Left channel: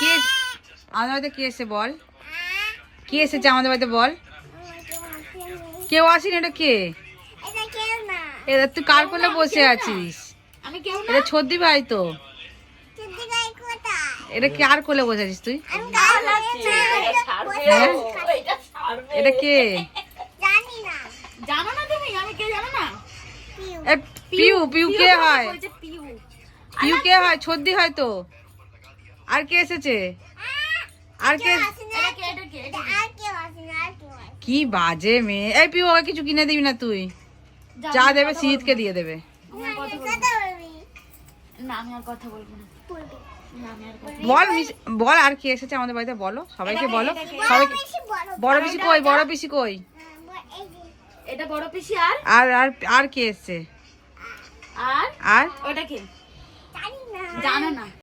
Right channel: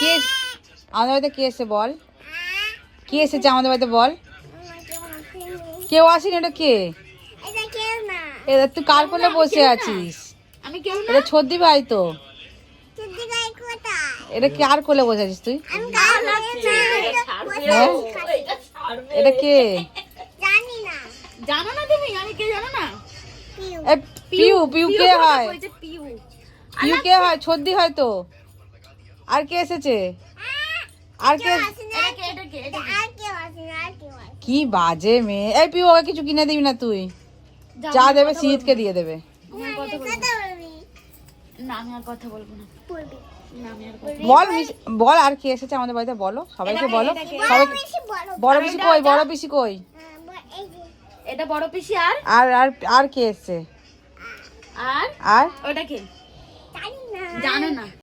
কে আমাদের বাড়িতে কে এসে বল? কে এসেছে আমাদের বাড়িতে বল? কেউ আসেনি। এটা কে? এটা তুই কার কোলে বসে আছিস? এটা ছদ্দি ভাই তো। এটা কার কোলে বসে আছিস তুই? হ্যাঁ? এটা কে? জানো না তুমি? আমি কে জানো না? পিউ। পিউ কে হয়? পিউ কে হয়? ছদ্দি হয় তো। আর কে এসেছে? আর কে? কি বাজে মেয়ে। এই পিউ, ওকে কিছু কিনে দিবি না তুই? যা দেবে শীতকে দিয়ে দেবে। না আমি আর কথা বলবো না। বল বল আর কে এসেছে আমাদের বাড়িতে বলো, সবাইকে বলো। সবাইকে বড় পিসি কই? বড় পিসি কই? এটা বড় পিসি। আর আর আর আর কে এসেছে? আর আর ওটা কে জানো না?